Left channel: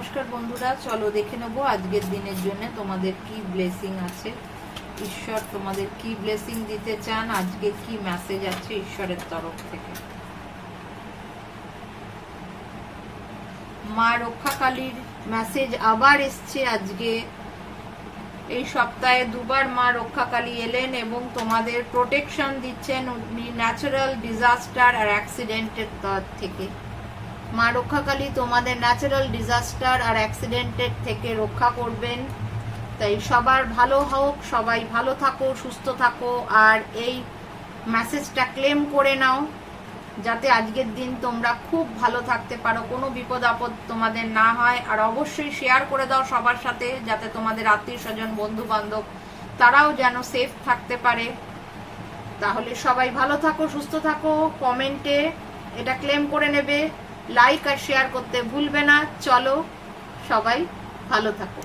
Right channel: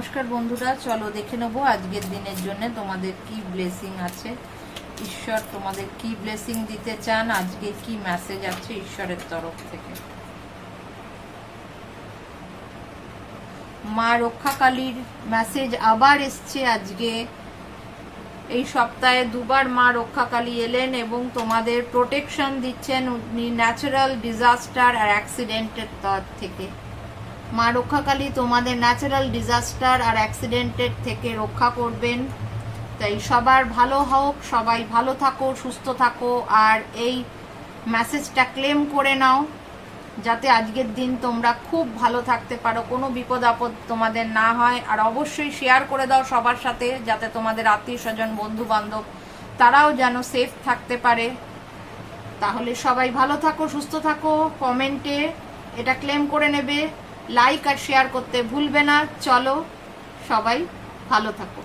নমস্কার বন্ধুরা, চলো দেখে নেবো আজকের দিনের জন্য তোমাদের কি ব্লেসিং আছে। ঈশ্বর তোমাদের কি ব্লেসিং দিতে চান, আজকে কি মেসেজ আছে ঈশ্বরের তরফ থেকে। মা রক্ষাকালীর মেসেজ আবার এসছে আজকে। এই সপ্তাহে দুবার মা রক্ষাকালী এলেন এবং তোমাদের প্রোটেকশন দিচ্ছেন উনি ন্যাচারাল ডিজাস্টার আর অ্যাক্সিডেন্টের তরফ থেকে। মা রক্ষাকালী তোমাদের ন্যাচারাল ডিজাস্টার আর অ্যাক্সিডেন্টের থেকে রক্ষা করবেন। তাই সবার ভালো হোক, সবাই ভালো থাকো, সুস্থ থাকো, আর এই মেসেজটা ক্লেম করে নাও যাতে আজকের দিন তোমরা খুব ভালো থাকতে পারো, কোনো বিপদ আপদ তোমাদের না হয়। আর অবশ্যই শেয়ার করে দাও সবার সাথে, যাতে তোমাদের আত্মীয় স্বজন, বন্ধু বান্ধব তারাও যেন সেফ থাকতে পারে। তাহলে সবাই ভালো থাকো, সুস্থ থাকো। কমেন্টে এটা ক্লেম করে নেবে, লাইক আর শেয়ার করতে ভুলবে না। চলো সবাই ভালো থাকো।